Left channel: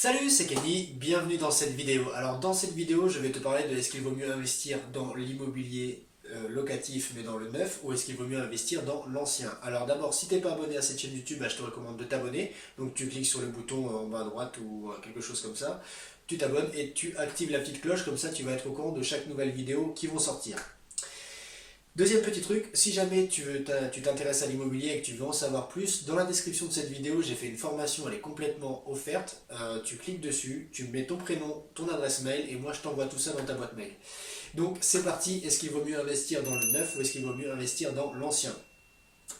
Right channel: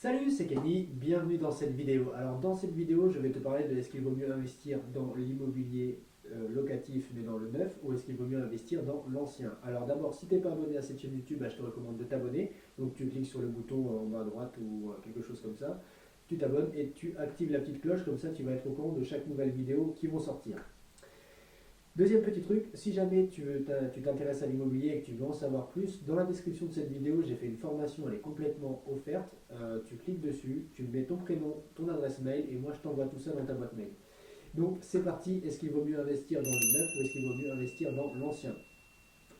Salut, c'est Kenny, bienvenue dans cette vidéo. Alors dans cette vidéo, je vais te parler de est-ce qu'il vaut mieux investir dans l'immobilier locatif mais dans le neuf ou est-ce qu'il vaut mieux investir dans l'ancien. Alors d'abord, si tu n'es pas abonné à cette chaîne YouTube, je te recommande de t'abonner. Donc tu cliques sur le bouton en bas à droite ou quelque chose comme ça. Tu t'abonnes et tu actives la petite cloche, comme ça tu vas être au courant de chaque nouvelle vidéo qui vont sortir. Deuxième petit truc, si jamais tu t'intéresses à l'immobilier et que tu veux en savoir plus, dans la description de cette vidéo, j'ai fait une formation, elle est complètement offerte. Tu cliques dessus, tu mets ton prénom, ton adresse mail et moi je t'envoie tout ça dans ta boîte mail. Donc c'est parti, est-ce qu'il vaut mieux investir dans le neuf ou est-ce qu'il vaut mieux investir dans l'ancien?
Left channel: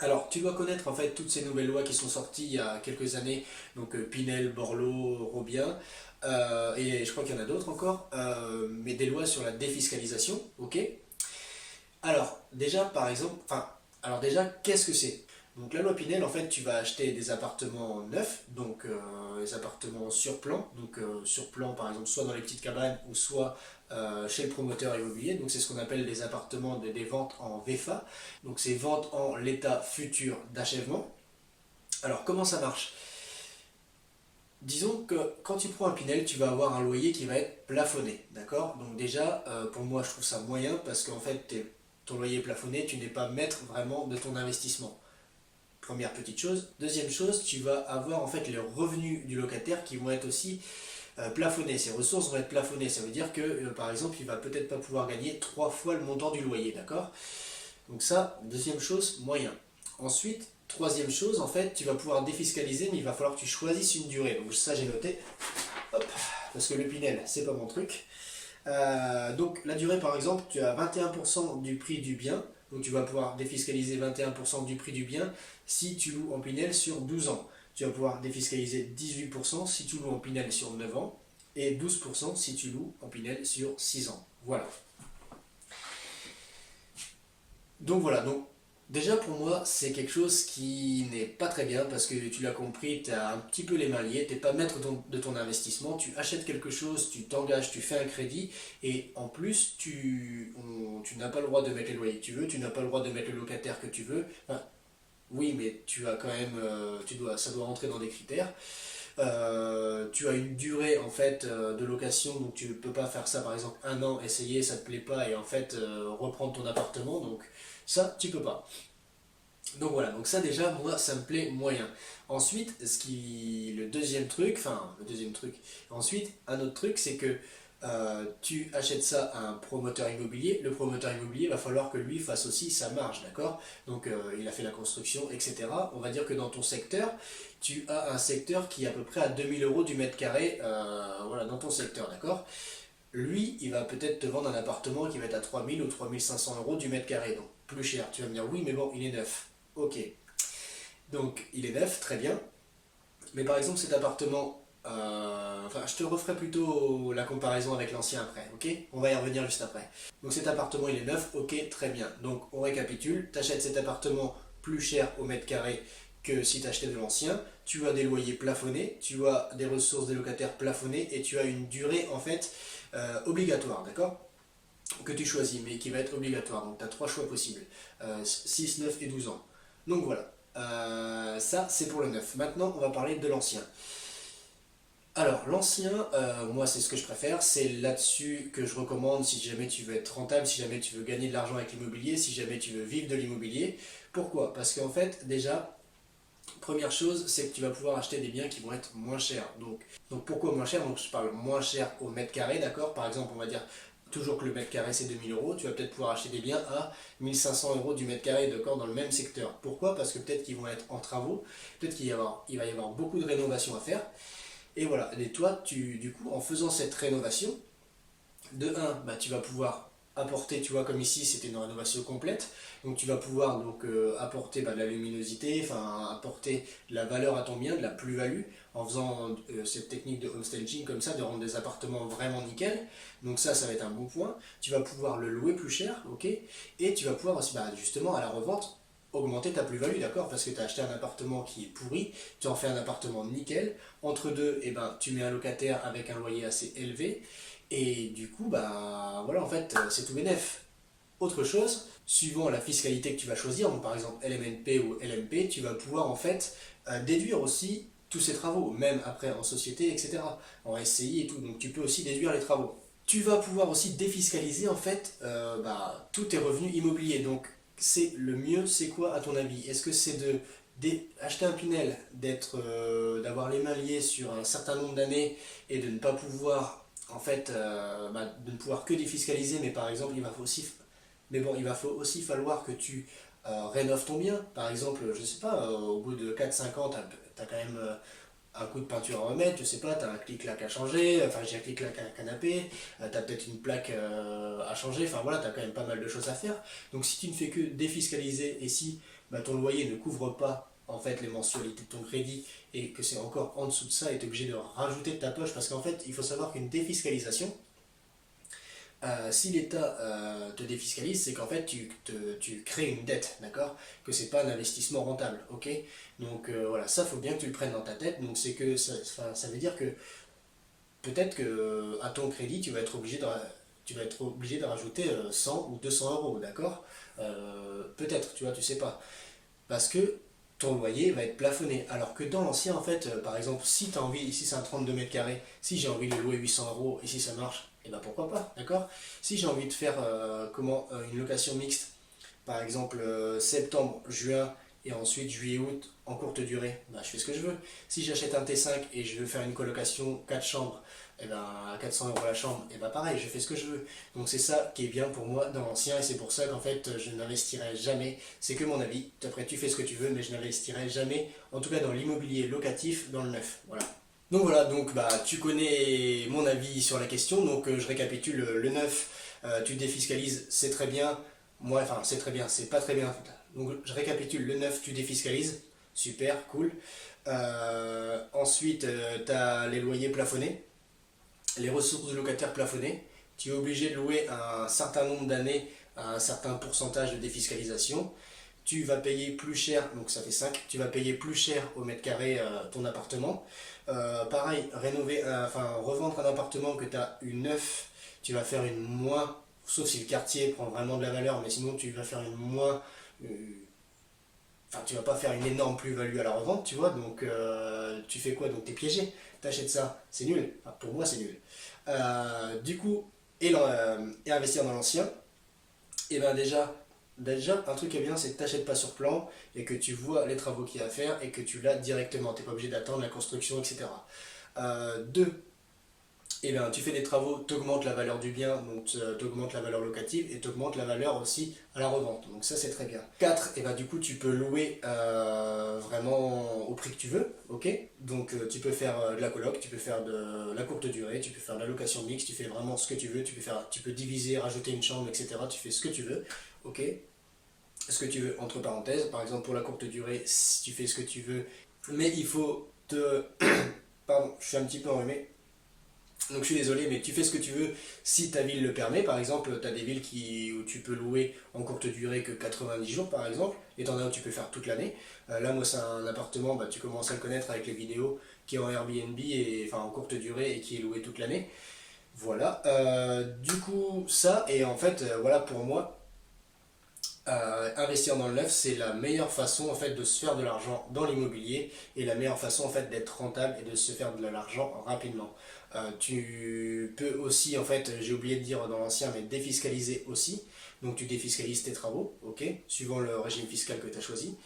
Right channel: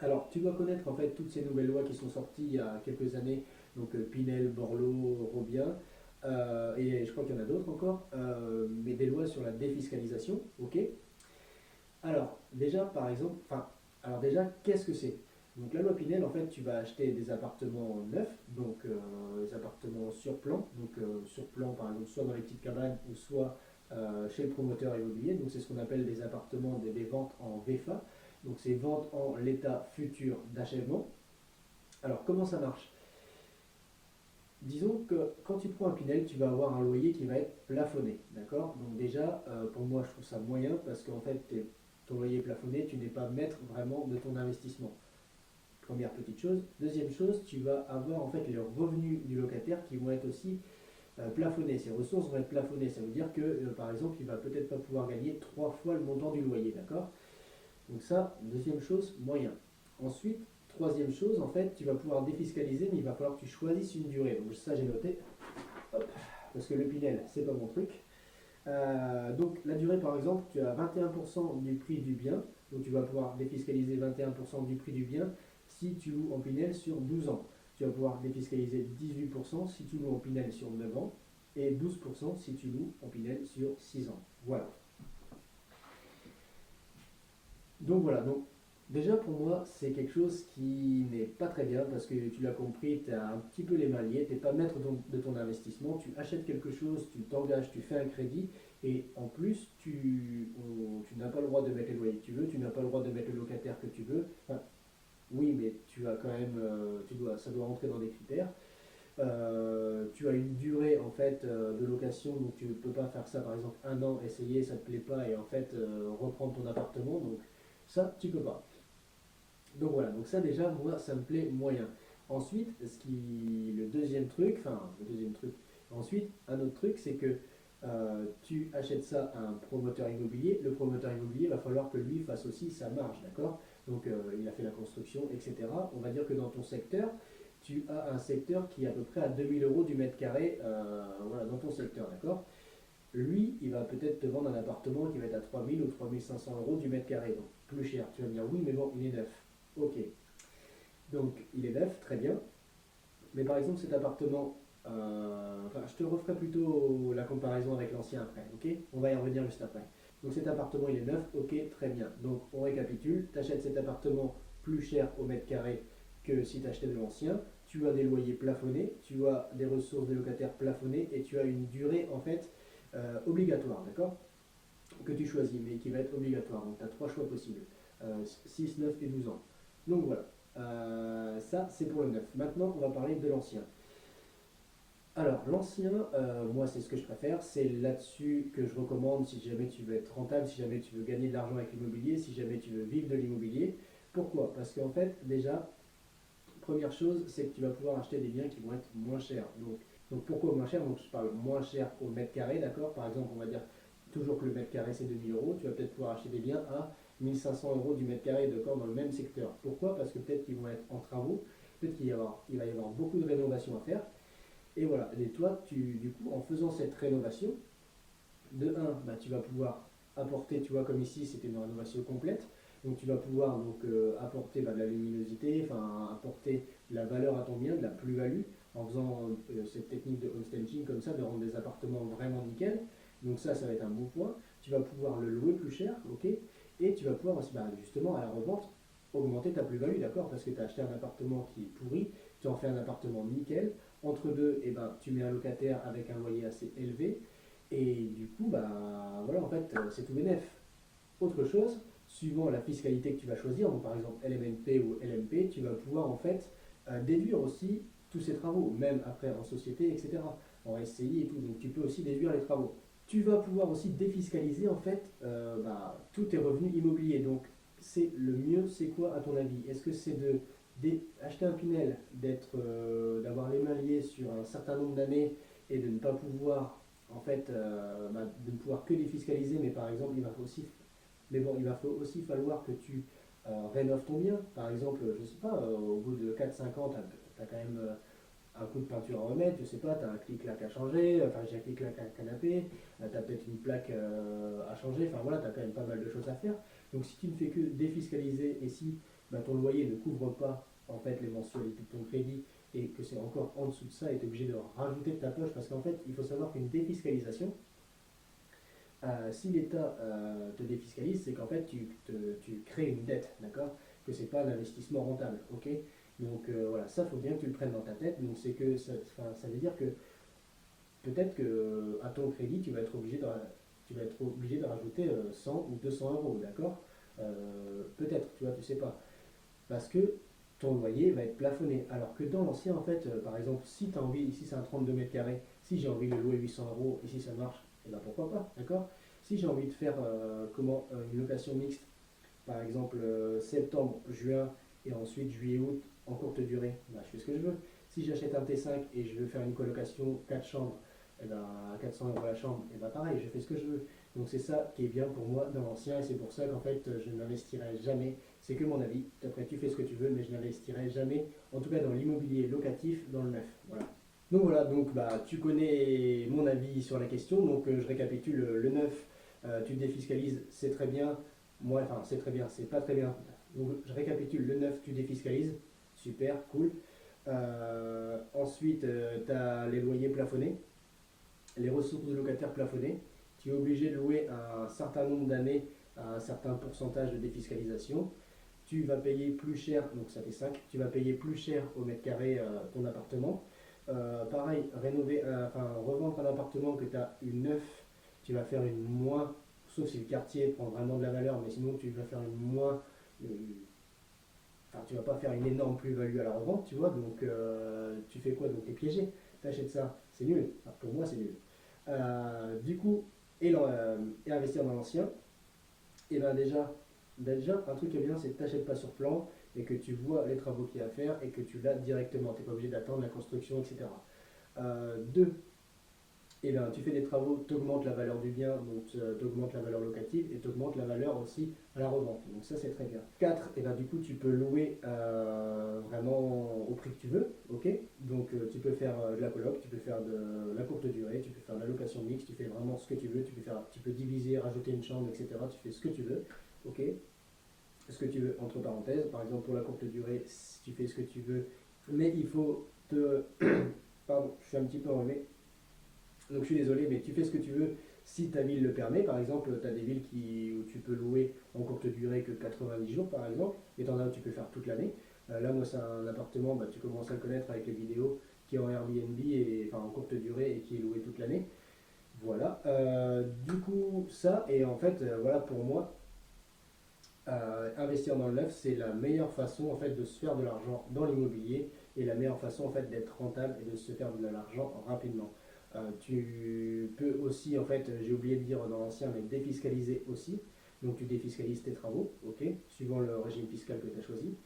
Alors tu dois connaître en fait toutes ces nouvelles lois qui sont sorties il y a quelques années, donc Pinel, Borloo, Robien, et je crois qu'il y en a d'autres encore, mais des lois sur la défiscalisation, ok? Alors, déjà, par exemple, alors déjà, qu'est-ce que c'est? Donc la loi Pinel, en fait, tu vas acheter des appartements neufs, donc les appartements sur plan, donc sur plan, par exemple, soit dans les petites cabanes ou soit chez le promoteur immobilier. Donc c'est ce qu'on appelle des appartements, des ventes en VFA, donc c'est ventes en l'état futur d'achèvement. Alors comment ça marche? Disons que quand tu prends un Pinel, tu vas avoir un loyer qui va être plafonné, d'accord? Donc déjà, pour moi, je trouve ça moyen parce qu'en fait, ton loyer est plafonné, tu n'es pas maître vraiment de ton investissement. Première petite chose. Deuxième chose, tu vas avoir en fait les revenus du locataire qui vont être aussi plafonnés. Ses ressources vont être plafonnées. Ça veut dire que, par exemple, il va peut-être pas pouvoir gagner 3 fois le montant du loyer, d'accord? Donc ça, deuxième chose, moyen. Ensuite, troisième chose, en fait, tu vas pouvoir défiscaliser, mais il va falloir que tu choisisses une durée. Donc ça, j'ai noté. Hop, parce que le Pinel, c'est pas mon truc. Donc la durée, par exemple, tu as 21% du prix du bien. Donc tu vas pouvoir défiscaliser 21% du prix du bien si tu loues en Pinel sur 12 ans. Tu vas pouvoir défiscaliser 18% si tu loues en Pinel sur 9 ans et 12% si tu loues en Pinel sur 6 ans. Voilà. Donc voilà, donc déjà pour moi c'est quelque chose qui n'est pas très bien parce que tu l'as compris, tu as un petit peu les mains liées, tu n'es pas maître de ton investissement, tu achètes quelque chose, tu t'engages, tu fais un crédit et en plus tu n'as pas le droit de mettre les loyers que tu veux, tu n'as pas le droit de mettre le locataire que tu veux. Enfin, oui, mais tu as quand même, ça doit rentrer dans des critères. Tu as une durée en fait de location, donc tu ne peux pas faire ça par exemple un an, essayer, ça ne te plaît pas et en fait reprendre ton appartement, donc ça tu peux pas. Donc voilà, donc ça déjà moi ça me plaît moyen. Ensuite, le deuxième truc, ensuite un autre truc c'est que tu achètes ça à un promoteur immobilier, le promoteur immobilier va falloir que lui fasse aussi sa marge, d'accord? Donc il a fait la construction, etc. On va dire que dans ton secteur, tu as un secteur qui est à peu près à 2 000 € du mètre carré, voilà, dans ton secteur, d'accord? Lui, il va peut-être te vendre un appartement qui va être à 3 000 ou 3 500 € du mètre carré, donc plus cher. Tu vas me dire, oui, mais bon, il est neuf. Ok, donc il est neuf, très bien. Mais par exemple, cet appartement, enfin, je te referai plutôt la comparaison avec l'ancien après, ok? On va y revenir juste après. Donc cet appartement, il est neuf, ok, très bien. Donc on récapitule, tu achètes cet appartement plus cher au mètre carré que si tu achetais de l'ancien, tu as des loyers plafonnés, tu as des ressources des locataires plafonnées et tu as une durée en fait obligatoire, d'accord? Que tu choisis, mais qui va être obligatoire. Donc tu as 3 choix possibles, 6, 9 et 12 ans. Donc voilà, ça c'est pour le neuf. Maintenant on va parler de l'ancien. Alors l'ancien, moi c'est ce que je préfère, c'est là-dessus que je recommande si jamais tu veux être rentable, si jamais tu veux gagner de l'argent avec l'immobilier, si jamais tu veux vivre de l'immobilier. Pourquoi? Parce qu'en fait déjà, première chose, c'est que tu vas pouvoir acheter des biens qui vont être moins chers. Donc pourquoi moins cher? Donc je parle moins cher au mètre carré, d'accord? Par exemple, on va dire toujours que le mètre carré c'est 2 000 €, tu vas peut-être pouvoir acheter des biens à 1 500 € du mètre carré, d'accord, dans le même secteur. Pourquoi? Parce que peut-être qu'ils vont être en travaux, peut-être il va y avoir beaucoup de rénovations à faire. Et voilà, et toi, du coup, en faisant cette rénovation, de un, bah, tu vas pouvoir apporter, tu vois, comme ici, c'était une rénovation complète, donc tu vas pouvoir donc, apporter bah, de la luminosité, enfin apporter de la valeur à ton bien, de la plus-value, en faisant cette technique de homestaging comme ça, de rendre des appartements vraiment nickel. Donc ça va être un bon point. Tu vas pouvoir le louer plus cher, ok? Et tu vas pouvoir aussi, bah, justement, à la revente, augmenter ta plus-value, d'accord? Parce que tu as acheté un appartement qui est pourri, tu en fais un appartement nickel. Entre deux, eh ben, tu mets un locataire avec un loyer assez élevé. Et du coup, bah voilà, en fait, c'est tout bénef. Autre chose, suivant la fiscalité que tu vas choisir, donc par exemple LMNP ou LMP, tu vas pouvoir en fait déduire aussi tous ces travaux, même après en société, etc., en SCI et tout. Donc tu peux aussi déduire les travaux. Tu vas pouvoir aussi défiscaliser en fait tous tes revenus immobiliers. Donc c'est le mieux, c'est quoi à ton avis? Est-ce que c'est acheter un Pinel, d'avoir les mains liées sur un certain nombre d'années et de ne pas pouvoir en fait de ne pouvoir que défiscaliser, mais par exemple il va aussi falloir que tu rénoves ton bien. Par exemple, je sais pas, au bout de 4 5 ans, tu as quand même un coup de peinture à remettre, je sais pas, tu as un clic-clac à changer, enfin j'ai un clic-clac à un canapé, tu as peut-être une plaque à changer, enfin voilà, tu as quand même pas mal de choses à faire. Donc si tu ne fais que défiscaliser et si ton loyer ne couvre pas en fait les mensualités de ton crédit et que c'est encore en dessous de ça et tu es obligé de rajouter de ta poche parce qu'en fait il faut savoir qu'une défiscalisation, si l'État te défiscalise, c'est qu'en fait tu crées une dette, d'accord? Que c'est pas un investissement rentable, ok? Donc voilà, ça faut bien que tu le prennes dans ta tête. Donc c'est que ça veut dire que peut-être que à ton crédit tu vas être obligé de rajouter 100 ou 200 euros, d'accord? Peut-être, tu vois, tu sais pas. Parce que ton loyer va être plafonné. Alors que dans l'ancien, en fait, par exemple, si tu as envie, ici c'est un 32 mètres carrés, si j'ai envie de louer 800 euros et si ça marche, et ben pourquoi pas, d'accord? Si j'ai envie de faire une location mixte, par exemple septembre, juin et ensuite juillet-août en courte durée, bah, je fais ce que je veux. Si j'achète un T5 et je veux faire une colocation 4 chambres, et ben, à 400 euros la chambre, et ben pareil, je fais ce que je veux. Donc c'est ça qui est bien pour moi dans l'ancien et c'est pour ça qu'en fait je n'investirai jamais, c'est que mon avis, après tu fais ce que tu veux, mais je n'investirai jamais, en tout cas dans l'immobilier locatif, dans le neuf. Voilà. Donc voilà, donc tu connais mon avis sur la question, donc je récapitule le neuf, tu défiscalises, c'est très bien. Moi, enfin, c'est très bien, c'est pas très bien. Donc, je récapitule, le neuf, tu défiscalises, super, cool. Ensuite, tu as les loyers plafonnés, les ressources de locataires plafonnées. Tu es obligé de louer un certain nombre d'années à un certain pourcentage de défiscalisation. Tu vas payer plus cher, donc ça fait 5. Tu vas payer plus cher au mètre carré ton appartement. Pareil, revendre un appartement que tu as eu neuf, tu vas faire une moins, sauf si le quartier prend vraiment de la valeur, mais sinon tu vas faire une moins, euh, enfin tu vas pas faire une énorme plus-value à la revente, tu vois, donc tu fais quoi? Donc tu es piégé, tu achètes ça, c'est nul, enfin, pour moi c'est nul. Du coup, et investir dans l'ancien, et ben déjà, un truc qui est bien, c'est que tu n'achètes pas sur plan et que tu vois les travaux qu'il y a à faire et que tu l'as directement. Tu n'es pas obligé d'attendre la construction, etc. Deux, eh bien, tu fais des travaux, tu augmentes la valeur du bien, donc tu augmentes la valeur locative et tu augmentes la valeur aussi à la revente. Donc ça, c'est très bien. 4, et ben, du coup, tu peux louer vraiment au prix que tu veux. Ok. Donc tu peux faire de la coloc, tu peux faire de la courte durée, tu peux faire de la location mixte, tu fais vraiment ce que tu veux. Tu peux diviser, rajouter une chambre, etc. Tu fais ce que tu veux. Ok. Ce que tu veux, entre parenthèses. Par exemple, pour la courte durée, si tu fais ce que tu veux, mais il faut te... Pardon, je suis un petit peu enrhumé. Donc je suis désolé, mais tu fais ce que tu veux si ta ville le permet. Par exemple, tu as des villes où tu peux louer en courte durée que 90 jours, par exemple, et t'en as où tu peux faire toute l'année. Là, moi, c'est un appartement, tu commences à le connaître avec les vidéos, qui est en Airbnb, enfin en courte durée et qui est loué toute l'année. Voilà. Du coup, ça, et en fait, voilà pour moi, investir dans le neuf, c'est la meilleure façon en fait de se faire de l'argent dans l'immobilier et la meilleure façon en fait d'être rentable et de se faire de l'argent rapidement. Tu peux aussi, en fait, j'ai oublié de dire dans l'ancien, mais défiscaliser aussi. Donc tu défiscalises tes travaux, ok, suivant le régime fiscal que tu as choisi.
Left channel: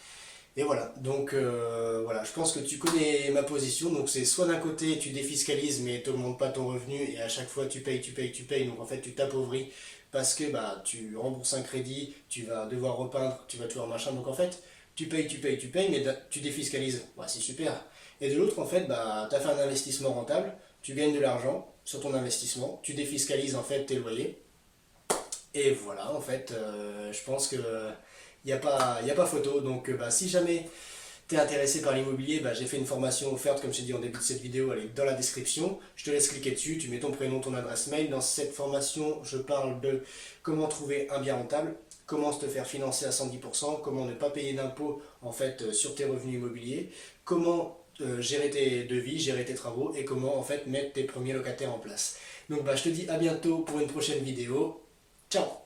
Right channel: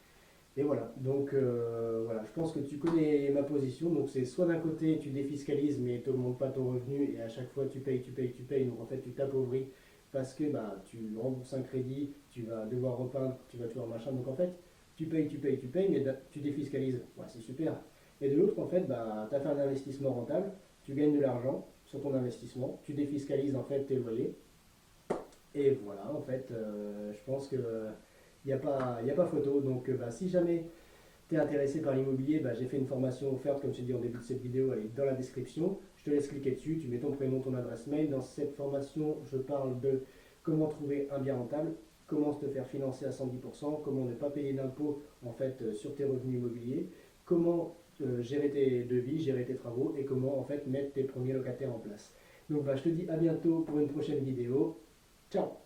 Et voilà, donc voilà, je pense que tu connais ma position. Donc c'est soit d'un côté tu défiscalises mais tu n'augmentes pas ton revenu et à chaque fois tu payes, tu payes, tu payes. Donc en fait tu t'appauvris parce que tu rembourses un crédit, tu vas devoir repeindre, tu vas toujours machin. Donc en fait tu payes, tu payes, tu payes, mais tu défiscalises. Ouais, c'est super. Et de l'autre en fait, tu as fait un investissement rentable, tu gagnes de l'argent sur ton investissement, tu défiscalises en fait tes loyers. Et voilà, en fait, je pense que y a pas photo. Donc, si jamais tu es intéressé par l'immobilier, j'ai fait une formation offerte, comme je t'ai dit en début de cette vidéo, elle est dans la description. Je te laisse cliquer dessus, tu mets ton prénom, ton adresse mail. Dans cette formation, je parle de comment trouver un bien rentable, comment te faire financer à 110%, comment ne pas payer d'impôts en fait sur tes revenus immobiliers, comment gérer tes devis, gérer tes travaux et comment en fait mettre tes premiers locataires en place. Donc, je te dis à bientôt pour une prochaine vidéo. Ciao!